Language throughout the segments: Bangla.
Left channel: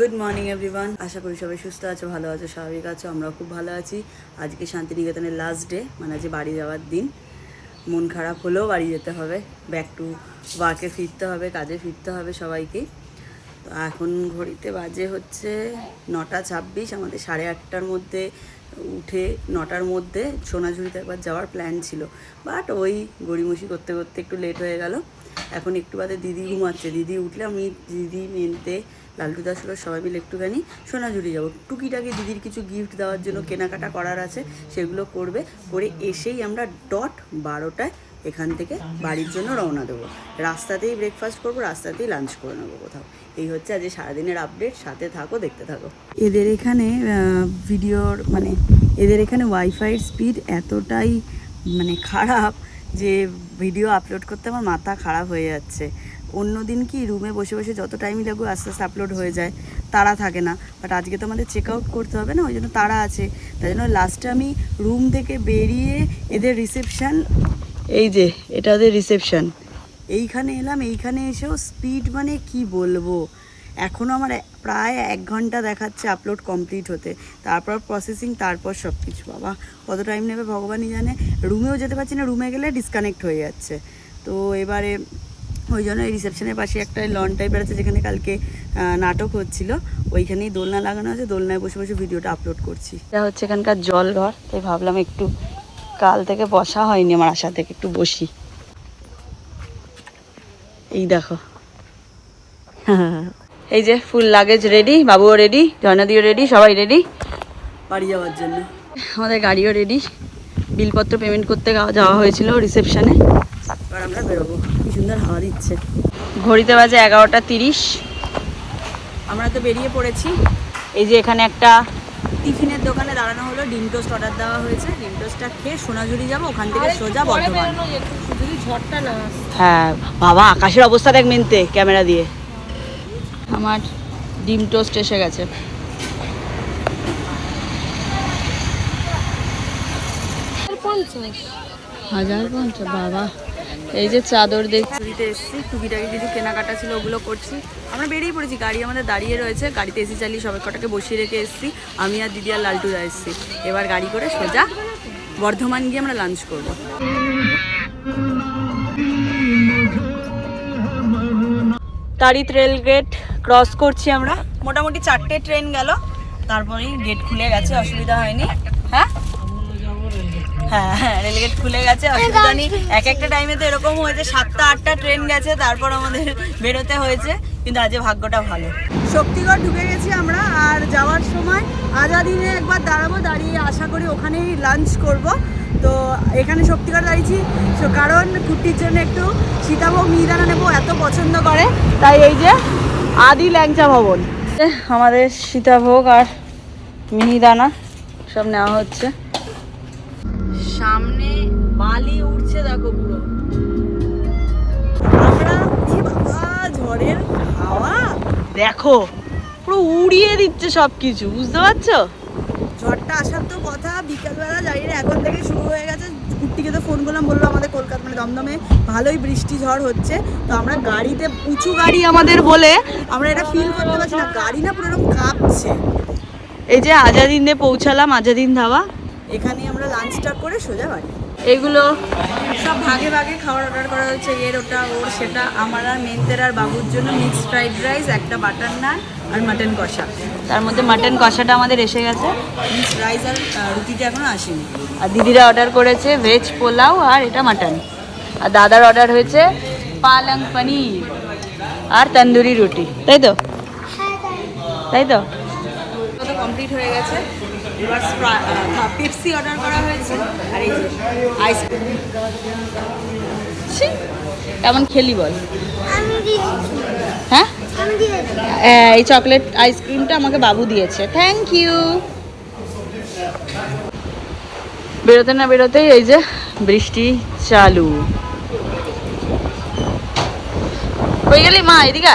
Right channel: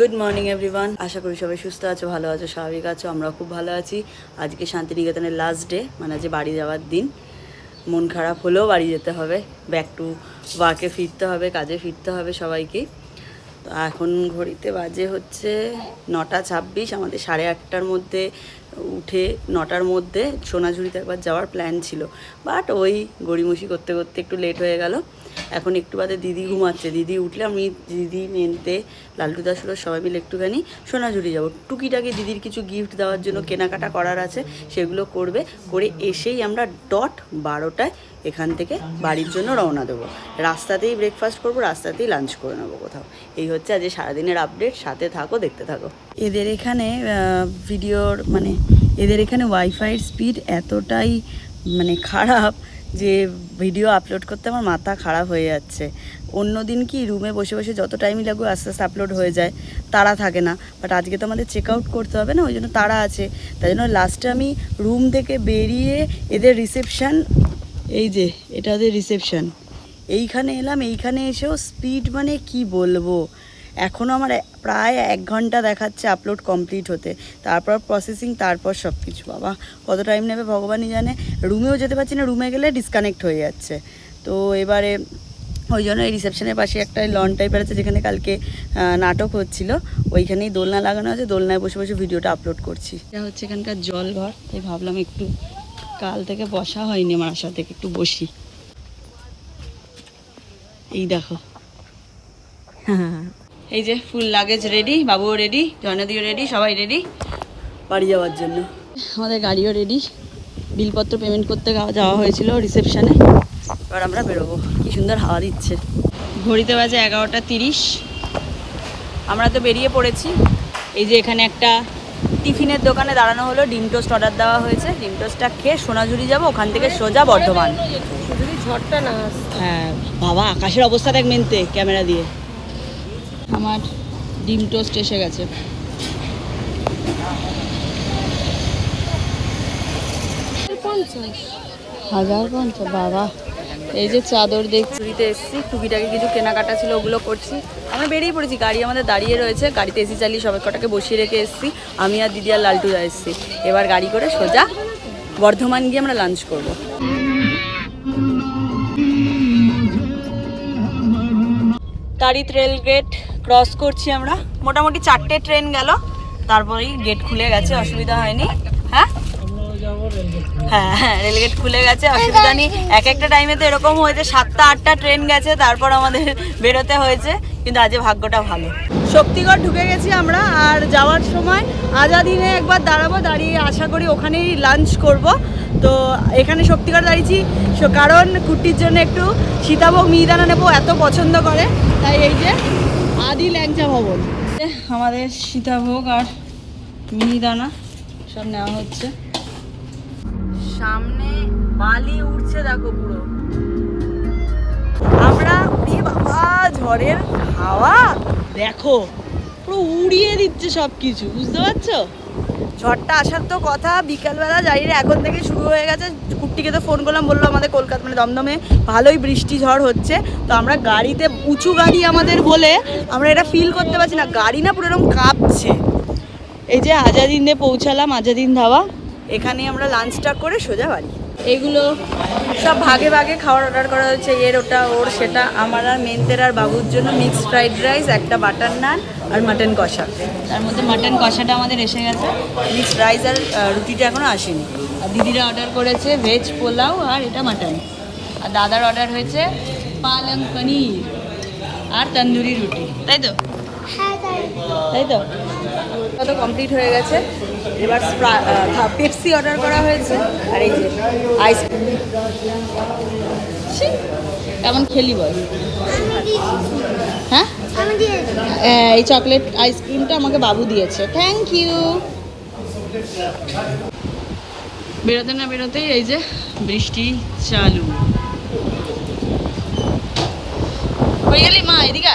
গুড মর্নিং এভরিওয়ান আশা করি সবাই সুস্থ আছো, ভালো আছো, স্বাভাবিক আছো আমরা খুব ভালো আছি। আজকে শান্তিনিকেতনের লাস্ট ডে মানে আজকে বাড়ি যাওয়ার দিন। মন খারাপ হলেও বাড়ি যেতে হবে। ব্যাক টু ওয়ার্কে ফিরতে হবে, কাজে ফিরতে হবে সবাইকে। তো এখন ঘড়িতে বাজে হচ্ছে নটা ছাব্বিশ, আমাদের সাড়ে আটটার মধ্যে উঠে নটার মধ্যে সোনাঝুরিতে একবার যাওয়ার প্ল্যান ছিল। বাট ওই গড়িমসি করতে করতে একটু লেট হয়ে গেল। এখন একটু বাদে দিদি ঘুমাচ্ছে। দিদি উঠলে আমি দিদি, মেনতে, লালটু দাসুরো সবাই মিলে একটুখানি সোনাঝুরি যাব। টুকিটাকি দিদির কিছু গিফট দেওয়ার জন্য কেনাকাটা করার আছে, সেগুলো করবে। করে এসেই আমরা ডট বারোটায় এখান থেকে বাড়ির জন্য রওনা দেবো। রাস্তাতেই ব্রেকফাস্ট করব, রাস্তাতেই লাঞ্চ করে নেব কোথাও। এই হচ্ছে আজ সারাদিনের আপডেট সাথে থাকো, দেখতে থাকো। এদের এখানে ভিডিওর মানে এদের এখানে ওয়াইফাইয়ের স্পিড এতটাই মানে খারাপ যে ভিডিও আপলোড করতে আমার মাথা খারাপ হয়ে যাচ্ছে। অন্য দিন কি রুমে বসে বসে যত টাইমই লাগুক আস্তে আস্তে আপলোড হয়ে যায়। তারা থাকে না। বাট আজকে তো আমাদের চেক আউট করতে হবে না, ওই জন্য তারা আছে। তাই জন্য লাস্টে আমি রুম থেকে বেরিয়ে এদের রিসেপশান এই যে, এটা ওদের রিসেপশান এইখানে এলাম, এইখানে এসেও স্পিড মানে কি বলব? এখনও আমার প্রায় এক ঘণ্টা দেখাচ্ছে আপলোড কমপ্লিট হতে। তারপর প্রসেসিং তারপর সব কিছু বাবা। কত টাইম নেবে ভগবানই জানে। রুমেও যেতে পারছি না, রুমে গেলে ডিসকানেক্ট হয়ে যাচ্ছে। তো এবারে ওই জন্য এই রিসেপশনের পাশে একটা লন টাইপের আছে, যেখানে কালকে নাটক হচ্ছিল। ওইখানেই দোলনা লাগানো আছে। দোলনায় বসে বসে ভিডিওটা আপলোড করছি। এটা হচ্ছে এখানকার জল ঘর, তাই ভাবলাম একটু কাল থেকে বসা হয়নি আমার আশা থেকে, একটু বসি। এই দেখো। এই যে ফুল লাগেজ রেডি বাবুও রেডি জয়নাদিও রেডি সবাই রেডি বাড়ি যাওয়ার জন্য। আমাদের গাড়িও রেডি বিলপত্র পেমেন্ট করতে যাওয়া- যাওয়া হয়েছিল রিসেপশানে এবার আমরা বেরোবো। কি সুন্দর হাওয়া দিচ্ছে। ঘড়িতে বাজে এগারোটা তিরিশ। আমরা তো বেরিয়ে পড়েছি। এই যে এখানে একটা টিফিনের দোকানে দাঁড়ানো হলো। ডিম টোস্ট অর্ডার দেওয়া হয়েছে। ডিম টোস্টটা খেয়ে সোনাঝুরি যাব। ওখান থেকে সোজা বর্ধমান। হ্যাঁ বাবা আকাশের অবস্থা দেখ মেনতে ক্যামেরা দিয়ে। আমার ডিম টোস্ট এসে গেছে। হাজার পঞ্চাশ বাবা। এই যে চাদর দেখছি চুরিতে এসেছি টুকিটাকি কিছু কেনাকাটা ছিল ওগুলো করছি। আমরা বেরিয়ে পড়েছি গাড়ি আমাদের দাঁড়িয়ে রয়েছে গাড়িতে এসি চালিয়ে সবাই কটাকে বসিয়ে রেখে এসেছি। আমি আর দিদি আর লালটুদা এসেছি। এবার গাড়ি করে সোজা বর্ধমান গিয়ে আমরা লাঞ্চ করব। তারিত রেল গেট ক্রস করছি আমরা। মোটামুটি চারটে ট্রেন গেল। তারপরেই গেট খুলে গেছে, অসুবিধা হয়নি। হ্যাঁ? হ্যাঁ হ্যাঁ রেলগেট খুলে গেছে, অসুবিধা নেই। এক একটা টাইমে তো এরকম হয়েছে, সাতটা, আটটা ট্রেন গেছে, তারপর আমাদের বেরোতে হয়েছে, কিন্তু আজকে ভাগ্যটা ভালো। শক্তিগড় ঢুকে গেছি আমরা, আর যাওয়ার সময় আজাদিনে একবার দাঁড়াবো, দাঁড়িয়ে আশা করি ওখানেই লাঞ্চ করব। তো এখানে শক্তিগড় দাঁড়িয়েছি কারণ কুট্টির জন্য একটু সীতাভোগ মিহিদানা নেব, এত পছন্দ করে। তাই এই যে আদি ল্যাংচা ভবন। আমাদের সীতাভোগ আর মিহিদানা সব নেওয়া হচ্ছে। সামনে বালি উঠছে দেখো পুরো। আমরা বাবা ঝড়ের হাওয়া? দেখো পুরো উড়িয়ে দিচ্ছে সব কিছু বুঝতে পারছ? ঝড়টা আসার তো কথা বিকালবেলা জানি না এখন থেকে শুরু হয়ে গেছে। কুট্টিকে তো ফোন করলাম বলল আমাদের কলকাতা মানে দমদমে ভালোই বৃষ্টি ঝড় হচ্ছে। তো আমরা গাড়িতে উঁচু গাড়ি আমাদের বলে আমরা এটা ফিল করতে পারছি না। গাড়ি না পুরো এরকম কাঁপছে। এই যে আজাদিনে পৌঁছালাম আজাদিন ধাবা। এখানে আমরা লাঞ্চটা করে সোজা বাড়ি। এগুলো সব ভাগে ভাগে খাবার অর্ডার করা হচ্ছে এর ওটা ওর সেটা। আমার আর মেনতের আর বাবুর জন্য মিক্সড ফ্রাইড রাইস একটা বাটার নান আর মাটন কষা। তার মধ্যে মাটন কষাটা আমাদের এসে গেছে। মিক্সড রাইস আর রুটিটা এখনও আসেনি। আর দিদিরা অর্ডার করেছে ভেজ পোলাও আর এটা মাটন আর দাদার অর্ডার হয়েছে পালং পনির আর তন্দুরি রুটি। তাই তো? তাই। তো? তো কমপ্লিট হয়ে গেছে? এবার পেপসি অর্ডার করা হয়েছে। আর এই যে আইসক্রিম কেমন খেলি বল? হ্যাঁ? এই চকলেট আইসক্রিমটা আমাকে বাবু দিয়েছে। থ্যাংক ইউ বেরোতে না বেরোতেই এই যে বৃষ্টি চালু। হয়ে গেলি মা এদিকে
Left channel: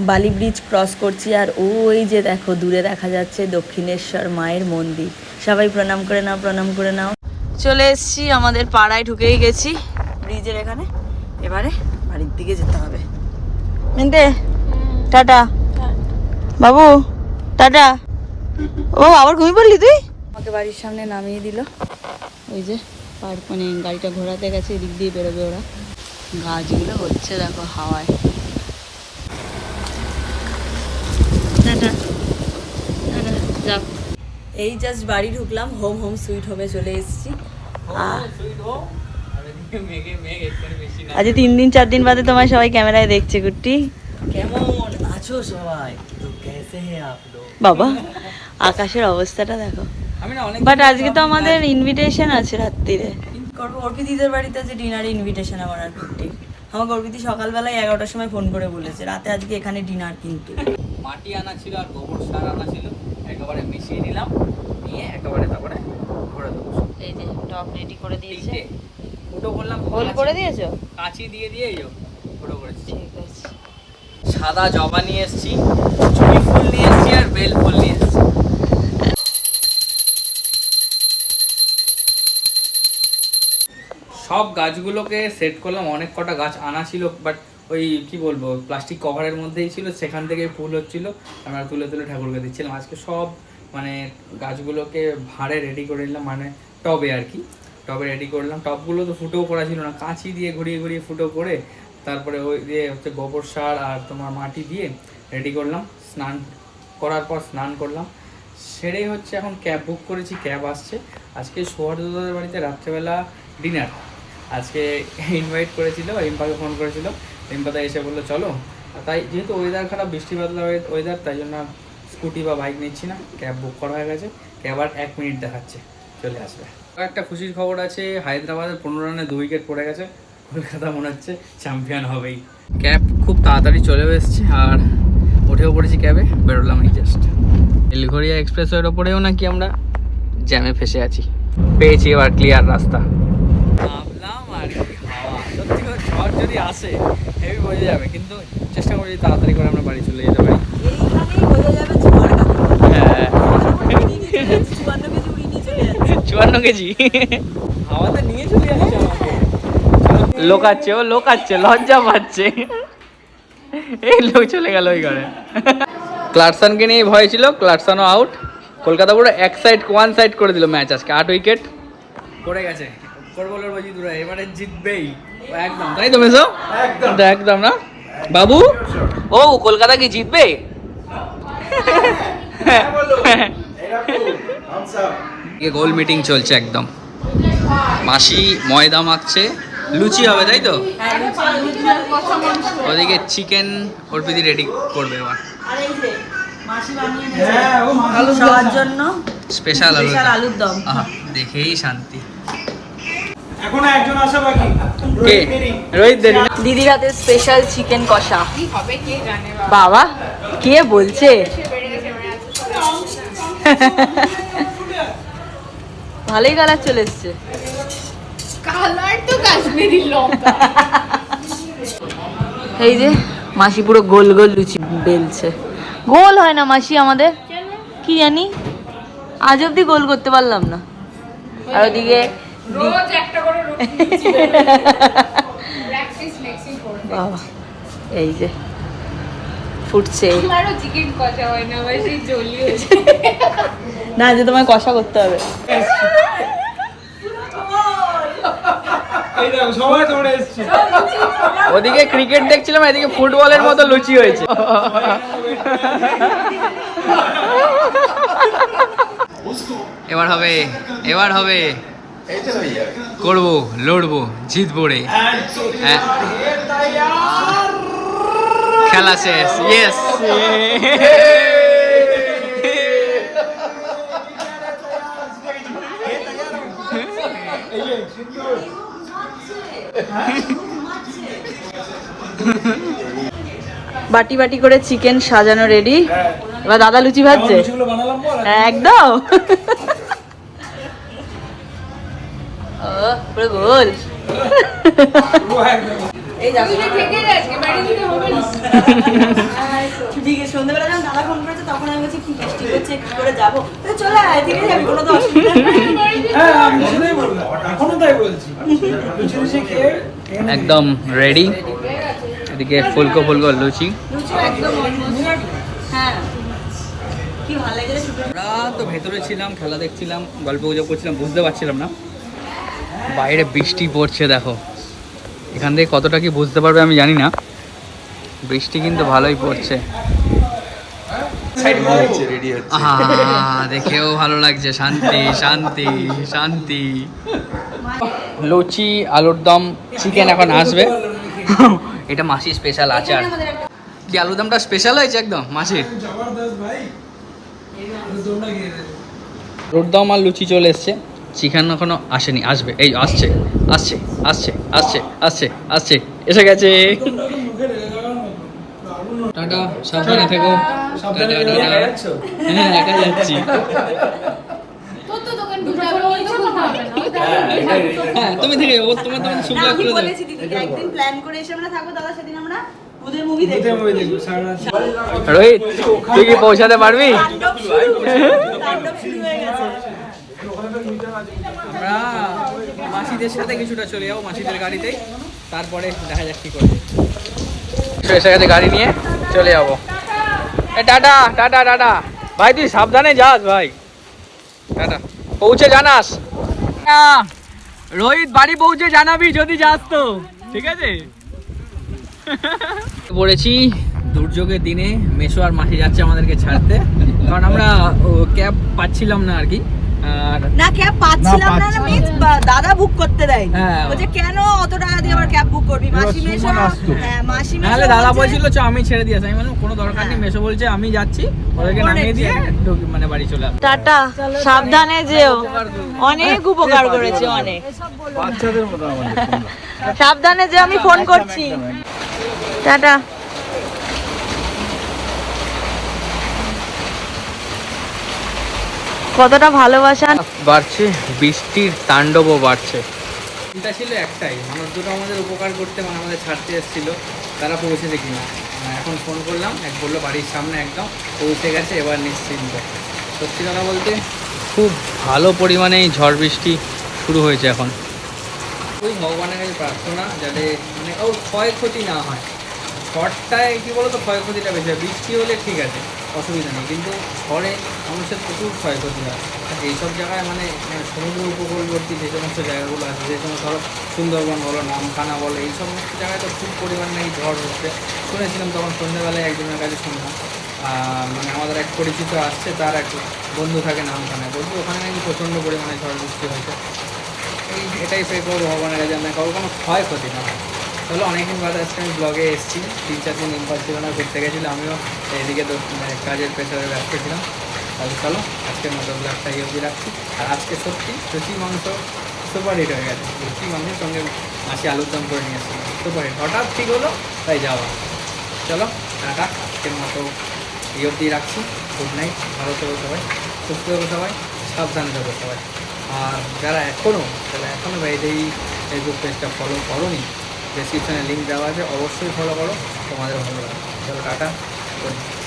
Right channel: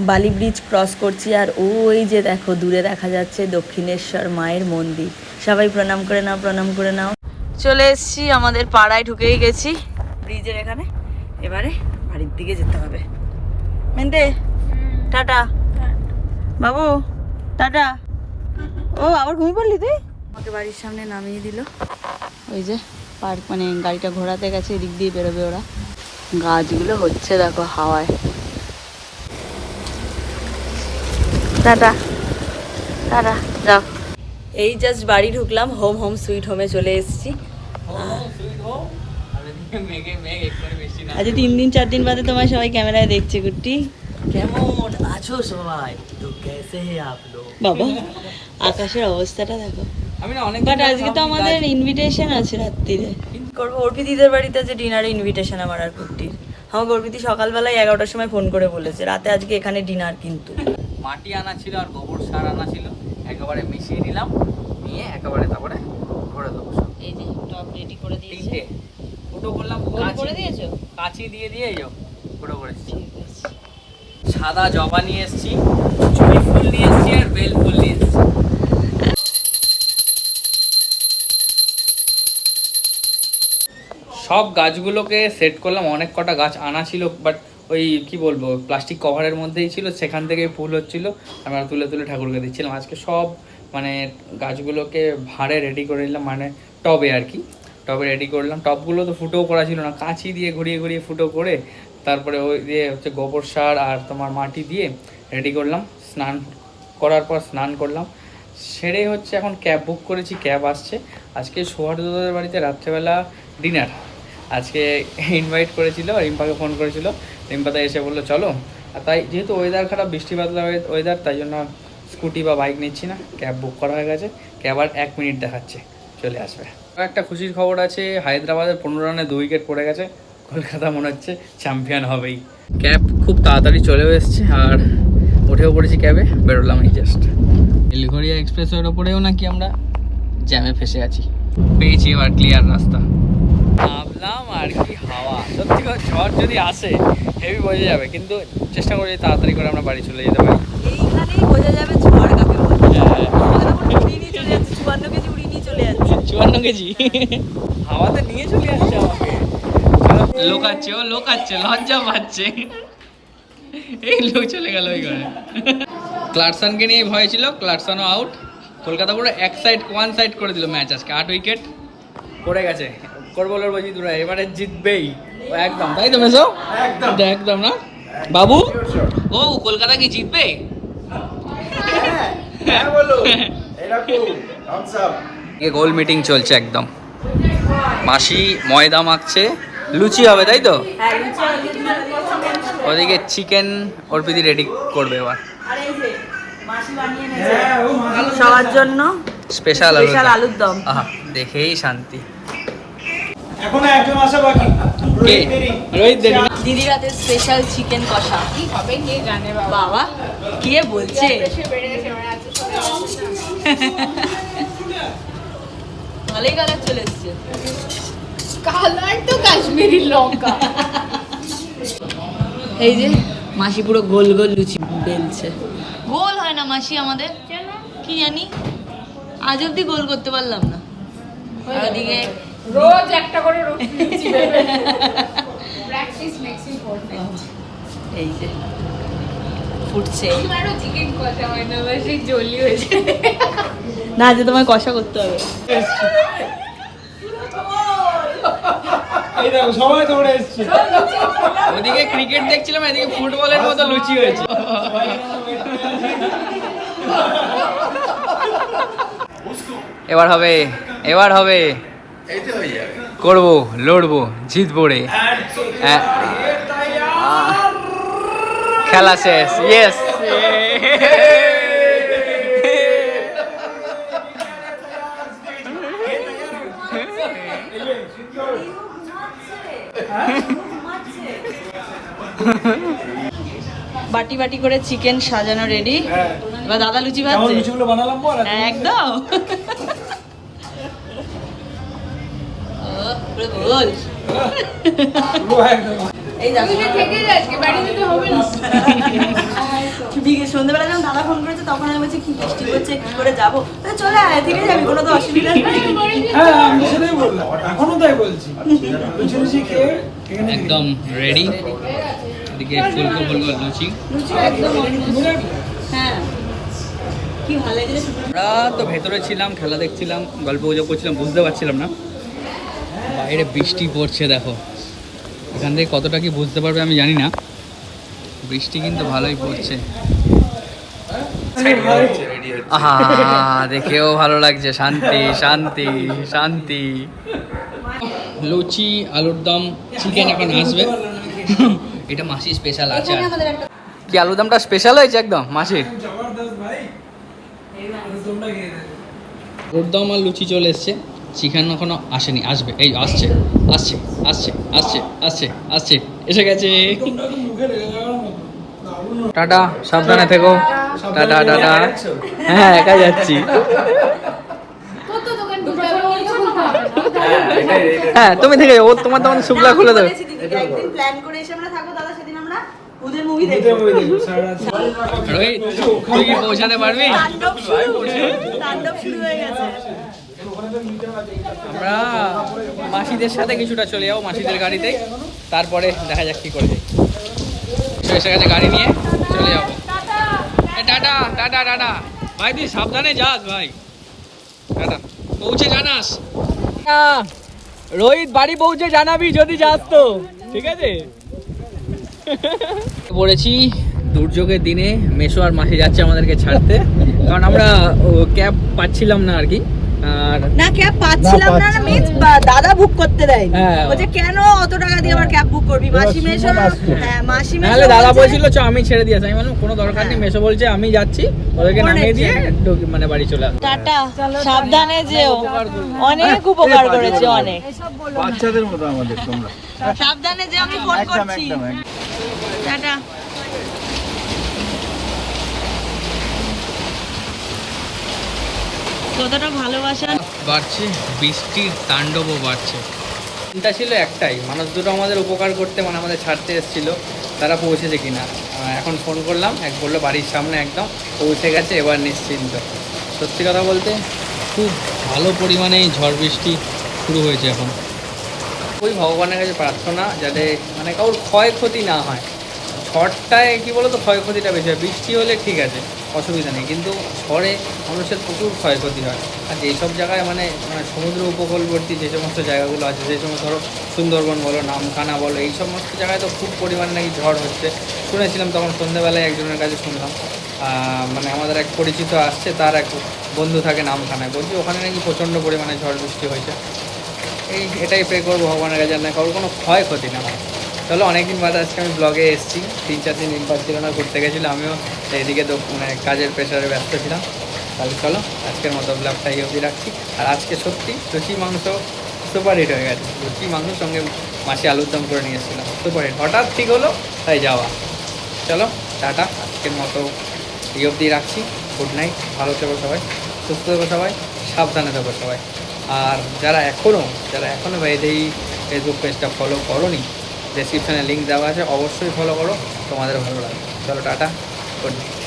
বালি ব্রিজ ক্রস করছি আর ওই যে দেখো, দূরে দেখা যাচ্ছে দক্ষিণেশ্বর মায়ের মন্দির। সবাই প্রণাম করে নাও, প্রণাম করে নাও। চলে এসছি, আমাদের পাড়ায় ঢুকেই গেছি। ব্রিজের এখানে। এবারে বাড়ির দিকে যেতে হবে। মেনতে, টাটা। বাবু, টাটা। ও, আবার ঘুমিয়ে পড়লি তুই? আমাকে বাড়ির সামনে নামিয়ে দিল। ওই যে পার্ক মানে গাড়িটা ঘোরাতে গেছে, এদিক দিয়ে বেরোবে ওরা। গাছগুলো হচ্ছে, দেখো, হাওয়ায়। টাটা টাটা যাও। এই জাস্ট বাড়ি ঢুকলাম হোম হোম সুইট হোমে চলে এসেছি। আজ তিন দিন চার দিন বাদে তোমার সবাই ক্যামেরায় দেখছে কুট্টি কেমন আছো সবাই? তো কেসে আপ লোগ বাবা আকাশের অবস্থাটা দেখো। অনেক বাট আজকে তো আমাদের ইনভিটেশন আছে রাত্রিরে। করব অর্পিতিদের বাড়িতে আছে ডিনারে ইনভিটেশন আমার আর কুট্টির আমাকে অর্পিতি সকালবেলায় এগারোটার সময় ফোন করে বলেছে রাতে আজকে এখানে ডিনার কিন্তু। মাটি আনা ছিল আর গোবর সার আনা ছিল একেবারে মিশিয়ে নিলাম নিয়ে একেবারে তারপরে করে দেবো এই যে টপ রেডি করে দিয়েছে। ফুটো করলাম হোল করে দিয়েছ? কাঁচি দিয়ে দিয়ে এই ফুটো করেছি। ঠিক আছে। সাদা জবা নিয়ে এসেছি চুড়ি ফুল নিয়ে এসেছি আর বেল ফুল নিয়ে এসেছি। সব গাছগুলোকে সেট করলাম অনেক কটা গাছ আনা ছিল বাট ওই কি বলব প্লাস্টিক কভারের মধ্যেই ছিল, সেখান থেকে ফুল হচ্ছিল। আমরা তুলে তুলে ঠাকুরকে দিচ্ছিলাম। আজকে সব মানে গাছগুলোকে ভাঁড়ে রেডি করে নিলাম মানে টবে আর কি। টবে রেডি করলাম টবগুলো তো ফুটোও করা ছিল না। কাঁচি দিয়ে ঘুরিয়ে ঘুরিয়ে ফুটো করে তারপরে ওই দিয়ে হচ্ছে গোবর সার আর তোমার মাটি দিয়ে রেডি করলাম। স্নান করার পর স্নান করলাম। সেরে হচ্ছে এখন ক্যাব বুক করেছি। ক্যাব আসছে। আজকে সৌহার্দ্যদের বাড়িতে রাত্রেবেলা ডিনার আজকে ইনভাইট করেছিল, রিম্পাকে ফোন করেছিল। রিম্পাদা এসে বলল, চলো। আর তাই যেহেতু ওয়েদার খারাপ, বৃষ্টি বাদলা ওয়েদার তাই জন্য স্কুটি বা বাইক নিচ্ছি না। ক্যাব বুক করা হয়ে গেছে। ক্যাব আর এক মিনিট দেখাচ্ছে। চলে আসবে। একটা খুশির খবর আছে, হায়দ্রাবাদের পনেরো রানে দু উইকেট পড়ে গেছে। কলকাতা মনে হচ্ছে চ্যাম্পিয়ন হবেই। ক্যাব খুব তাড়াতাড়ি চলেও এসছে আর উঠেও পড়েছি ক্যাবে বেরোলাম এই জাস্ট বেলঘরিয়া এক্সপ্রেসওয়ের ওপরেও নাকি আমরা জ্যামে ফেসে আছি। পেয়েছি এবার ক্লিয়ার রাস্তা। ভাবলাম আর কি সত্যি কথা শর্ট যদি আসে হেভি বোঝা যাবে কিন্তু চেষ্টা করি তাড়াতাড়ি করে আমরা বাড়ি চলে যেতে পারি। বোঝা যাবে ঝড় কাকে হ্যাঁ। আমাদের এখন উড়িয়ে নিয়ে চলে যাচ্ছে, চুয়ান্ন কেজি উড়িয়ে নিয়ে চলে যাচ্ছে। লোকাচ্ছে ও লোকাচ্ছে লজ্জা পাচ্ছে। এই লোক চলে গেল ওই ঘরে। ক্লার্সনকে নিয়ে ভয় ছিল ক্লার্সনও আউট কলকাতা পুরো এক সাইড ওয়ান সাইড করে দিল ম্যাচ আজকে আট উইকেট পড়ে গেছে। করব লড়বো জিতুরা এবারে জিতবেই। একদম তাই তো মেসো একদম। না? বাবু? ও কলকাতা কি জিতবে? গোল মিটিং চলছে একদম। মাসি ময়দা মাখছে। লুচি হবে তাই তো? ওদিকে চিকেন অর্পিদি রেডি করবে এবার। আর এই যে মাসি বানিয়ে নিয়েছে সবার জন্য স্পেশাল আলুর দম আলুর দম। আহা দেখেই শান্তি। এখনও একজন আসা বাকি? কে? রোহিত দেরি স্পেশাল চিকেন কষা। বাবা কে বলছে? ভালোই কালার চলে এসছে। কালার তো কাশ্মীরি লঙ্কা। এই যে মাসি পুরো গোল গোল লুচি বেলছে। গোল হয় না মাসি আমাদের? কি জানি? আজ অব্দি গোল করতে পারলাম না। আর ওদিকে রোজ একটা করে প্র্যাকটিস মেক্সিং করবে। বাবা, এই যে ফুটছে। আমারও চিকেন কষা হয় না আমার সেই জলি হয়েছে। না যে তোমায় কষা করতে হবে। ওদিকে ক্রিকেট দেখছিলাম এদিকে ফুটবলের মতো লুচি হয়েছে। এবার হবে এবার হবে। করব লড়বো জিতবো রে। হ্যাঁ। খেলা শেষ। ইয়েস বাটি বাটি করে চিকেন সাজানো রেডি এবার দাদা লুচি ভাজছে? লুচিগুলো বানালাম বল একদম ও, পুরো গোল পুরো একদম এই দেখো থেকে আজকে বাড়ি যেতে হবে না ঠিক আছে সন্ধ্যাবেলা যখন দাদা ফোন করেছে তখন আমি বলছি কি বৃষ্টি হচ্ছে? কি করে যাব? চলে আয় থেকে যাবি কোনো তো অসুবিধা নেই। আমি সেটাই বললাম এখনও তাই বলছি। লুচি লুচি খেয়ে খেয়ে নিবি। একদম রেডি এদিকে ফুলকো ফুলকো লুচি। হ্যাঁ। আমরা তো ভেতরে ছিলাম খেলা দেখছিলাম গল্প গুজব করছিলাম বুঝতে পারছিলাম না। বাইরে বৃষ্টি পড়ছে, দেখো। এখান থেকে কতটা কি বুঝতে পারবে আমি জানি না। বৃষ্টি কিন্তু ভালোই পড়ছে। দেখেও ভালো লাগছে। শান্তি শান্তি শান্তি। লুচি, আলুর দম চিকেন এখন আসবে। এটা মাসি স্পেশাল আচার। কি, আলুর দমটা স্পেশাল হয়েছে একদম মাসির দেখো রোডদম আর লুচি চলে এসছে। চিকেন এখনও আসেনি, আসবে, এই আসছে আসছে আসছে আসছে আসছে আসছে, এসে গেছে। তোমরা টাটা, সাবধানে থেকো। Tata tata. হ্যাঁ একা যাচ্ছি। হ্যাঁ তুমি থেকে, ও তোমার তখন শুক্লা খুলে দেবে। রোহিত, তুই কি পৌঁছাতে পারবি তাণ্ডব শুরু তাণ্ডব শুরু হয়ে গেছে আমরা মাসিদের সাথে কিছুটা চলে যাব, মাসিদের গাড়িতে। তারপরে দেখা যাক কি এসে গেছে গাড়ি নিয়ে, চলে যাব। Tata tata tata. ভাই, তুই সাবধানে যাস, ভাই। টাটা। পৌঁছে জানাস। রোহিত বাড়ি পৌঁছে জানাবি যদি যাস তো, ঠিক আছে? পড়েছি দুর্যোগের দিনে, মেশো আর মাসি যাচ্ছে আমাদেরকে ছাড়তে। কারণ আমরা ক্যাব পাচ্ছিলাম না আর কি। না ক্যাব পাচ্ছিলাম না মিন্স দাদা বুক করতে দেয়। হ্যাঁ। বলছে কেন অত টাকা দিয়ে আবার ক্যাব বুক করবি? মাসি মেশো হ্যাঁ মাসি মেশো নাহলে দাদা বলছে- বলছিল চ আমি ছেড়ে দিয়েছি আমি বললাম কোনো দরকার নেই মেশো বলছে আমি যাচ্ছি। ওদেরকে অনেক নামিয়ে দিয়ে মানে বাড়ি চলে আসব টাটা সাবধানে যেও। অনেক উপকার করেছে অনেক। বাচ্চাদের মতো আমাদের সাবধানে যে আমি ফোন করছি। টাটা। কতটা ভালোবাসা? বাড়ছে, বৃষ্টির তাণ্ডবও বাড়ছে। চিন্তা ছিল একটাই, মানুষ দুটো আমাদের উপকার করতে মানে আমাদের ছাড়তে এসেছিল, তারা পৌঁছেছে কিনা। এখন ফোন করলাম, এক বলল, বাড়ির সামনে একদম পৌঁছে গেছে, এবার নিশ্চিন্ত। সত্যি কথা বলতে, খুব ভালো পরিমাণেই ঝড় বৃষ্টি শুরু হয়েছে এখন। ওই ভগবানের কাছে প্রার্থনা, যাতে মানে কারোর ক্ষয়ক্ষতি না হয়। ঝড়টায় কী বলো তো ক্ষয়ক্ষতিটা বেশি হয়। বৃষ্টি হলে ঠিক আছে অসুবিধা নেই। কিন্তু ঝড়ে মানুষের প্রচুর ক্ষয়ক্ষতি হয়। আর যেসব জায়গায় মানে মানে সমুদ্র উপকূলবর্তী যে সমস্ত জায়গাগুলো আছে, যে সমস্ত ধরো সুন্দরবন বলো, নামখানা বলো, এই সমস্ত জায়গায় তো খুব পরিমাণে নাকি ঝড় হচ্ছে। শুনেছিলাম তখন সন্ধ্যেবেলায় একজনের কাছে শুনলাম মানে আমাদের এক পরিচিত আসছে, তার এক বন্ধু থাকে নামখানায়। বলছি ওখানে নাকি প্রচণ্ড পরিমাণে ঝড় বৃষ্টি হয়েছে। এই এটাই প্রে করব ভগবানের কাছে। না, কারোর কোনো ক্ষয়ক্ষতি না হয়। চলো, অনেকদিন বাদে আজকে আমি ব্লগে এসেছি। তিন চার দিন ইনভার ছিল না, ঘুরতে গেছিলাম আমিও এদিকে মানে কাজের প্রেশারে ব্যস্ত ছিলাম। তাহলে চলো, আজকের মতো ব্লগটা এই অবধি রাখছি। আর আজকে সত্যি লুচি, মাংস সুপার হিট হয়ে গেছে। লুচি, মাংসের সঙ্গে মাসি আলুর দম করে নিয়ে এসেছিলাম সুপার হিট হঠাৎ ঠিক হলো, তাই যাওয়া। চলো, টাটা, আজকের মতো এই অবধি রাখছি। গুড নাইট ভালো থেকো সবাই, সুস্থ থেকো সবাই, সাবধানে থেকো সবাই। আর যারা এখনও যারা এখনও এই ফেসবুক পেজটা ফলো করোনি ডেসক্রিপশানে লিঙ্ক দেওয়া আছে। অবশ্যই ফলো করো। তোমাদের ভালো লাগবে। চলো টাটা। গুড